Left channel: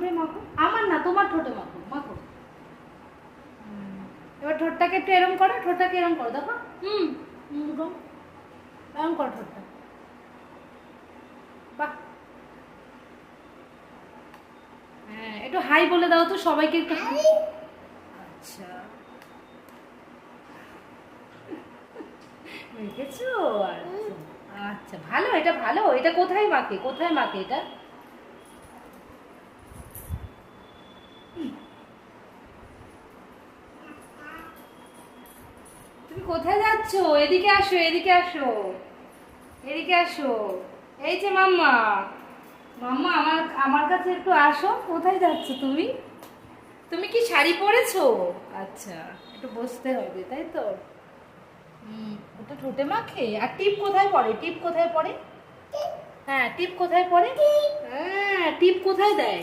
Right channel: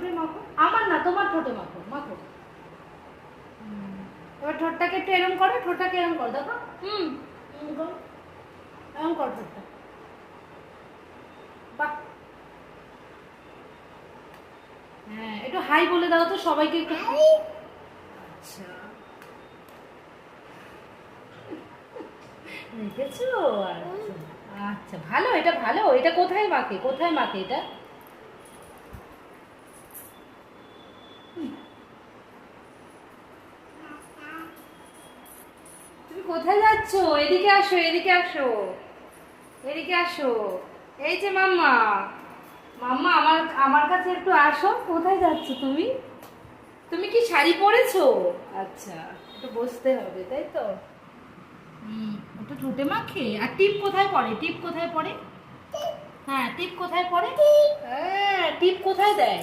ঠোঁটে মাখো, আমার না তোমার ঠোঁটে মাখো, মাখো। এবার ঠোঁটটাকে একটু এরম করো, ঠোঁটটাকে এরম করো, দেখো। এরম করো ঠোঁটটা। বাহ, হ্যাঁ একটু হাই বলে দাও তো সবাইকে একটু। আচ্ছা, দেখেছো? আচ্ছা আচ্ছা, ভালো, এটা ভালো। এটা কোথায় মাখে, কোথায় মাখে এটা? তুমি কোথায় যাচ্ছ? এদিকে আসো, এদিকে আসো, এদিকে আসো। এই যে মাম্মা, মাম্মা আমার আমার কাছে একটু আসো। কোথায় যাচ্ছ তুমি? তুমি কি শাড়ি পরেছো? আচ্ছা, একটু বসতে হবে তাই তো। ওটা ঠোঁটে মাখে। আর টিপ কোথায় পড়ে, টিপ কোথায় পড়ে? হ্যাঁ, টিপ কোথায় পড়ে? হ্যাঁ, টিপ কোথায় দেয়?